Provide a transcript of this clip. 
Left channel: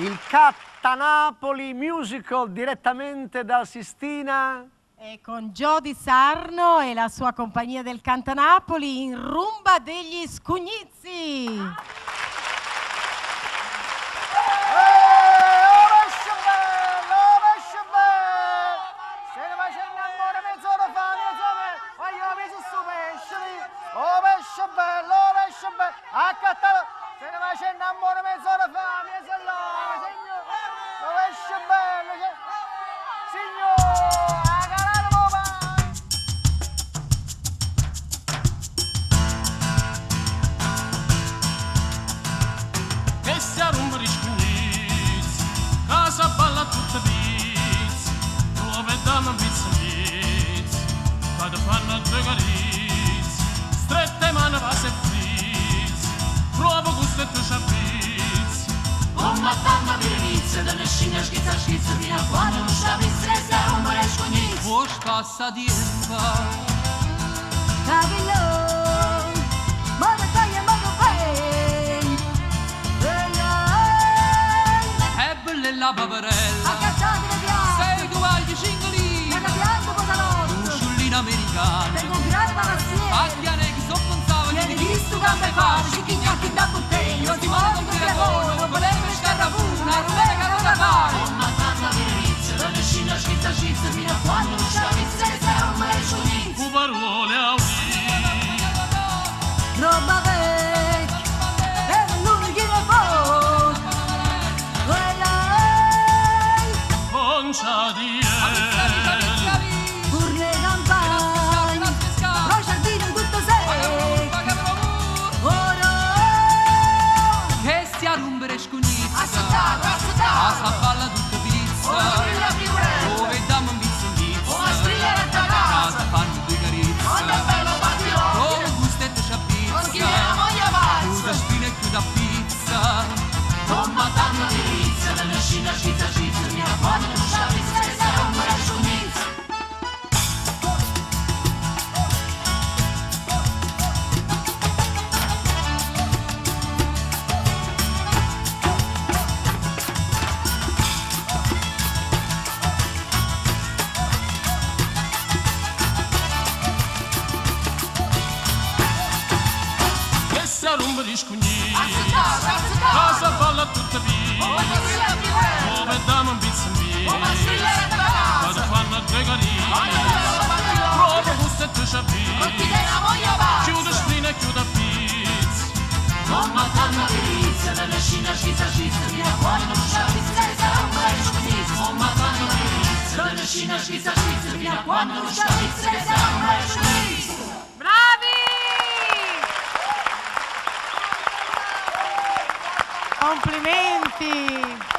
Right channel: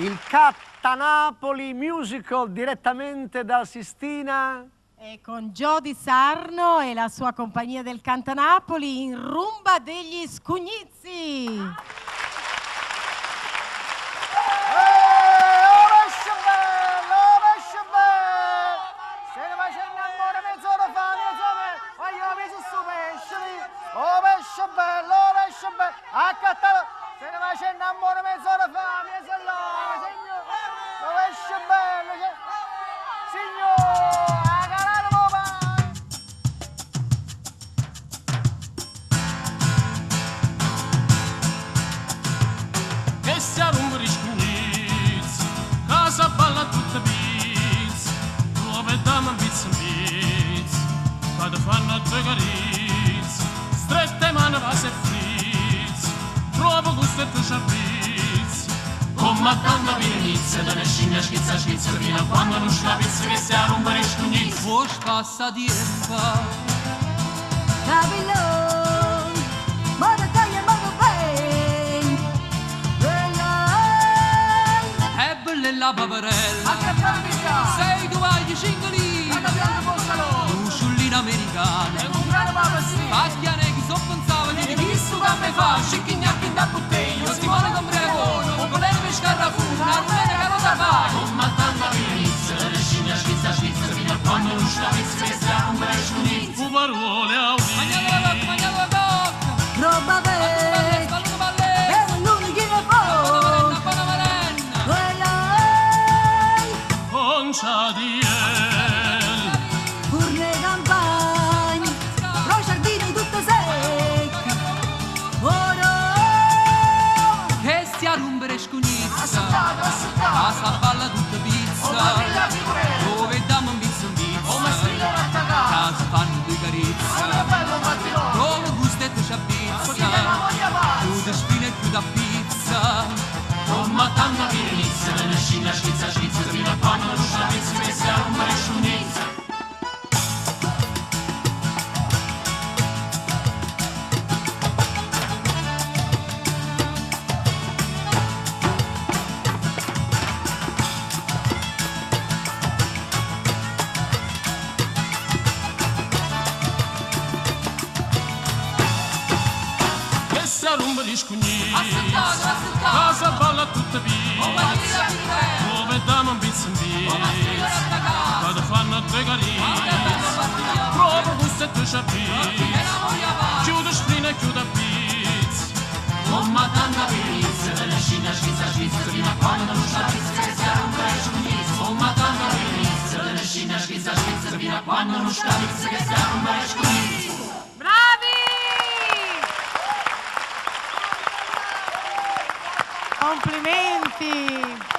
Il Cattanapoli Musical direttamente dal Sistina. E con Gio Di Sarno e la sua compagnia del Cattanapoli in Rumba degli Scugnizzi. Si arrumbano i scugnizzi, casa balla tutta pizza, dove dammi un pizza in pizza, quando fanno due carizze, strette mani vase e frizzi, provo gusto e tu c'abbizzi. Oh madonna virinizia, da nescina schizza schizza, fino a quando non scapissi che si arrumbano i scugnizzi. Oh scassa di erba, Capillon, modo taglia, modo ven. La paperella, sei tu agli cingolini, l'usciullina americana, pacchiane chi sopponsava, gli visto che me fa, scicchignacchi da botteglio, stimone con bregono, volere per scarrafuna, rulene carota fare. Oh madonna virinizia, la nescina schizza schizza, fino a quando non scapissi che sta un bel sciolizzo. Parole a udire, roba vecchia, per lui chi ne può. Concia di Urne campagne, brociardine tutte secche. Ora che si arrumbere scugnizza, casa balla tutta pizza, dove dammo un pizza in pizza, casa fanno due carizze, dove gustetto c'abbizza, chiude spine e chiude a pizza. Tomma tanto di inizia, la nescina schizza schizza, fino a quando non scapissi che si arrumbare scugnizza. Che si arrumbare gli scugnizzi, casa balla tutta pizza, dove dammo un pizza in pizza, quando fanno due carizze, proprio gusto e tu c'abbizzi, chiude sprina e chiude a pizza. Con madonna virizia, delle scina schizza schizza, fino a quando non scapissi che si arrumbare il scugnizzi. Con madonna virizia, delle scina schizza schizza, fino a quando non scapissi che si arrumbare il scugnizzi. Bravi! Complimenti!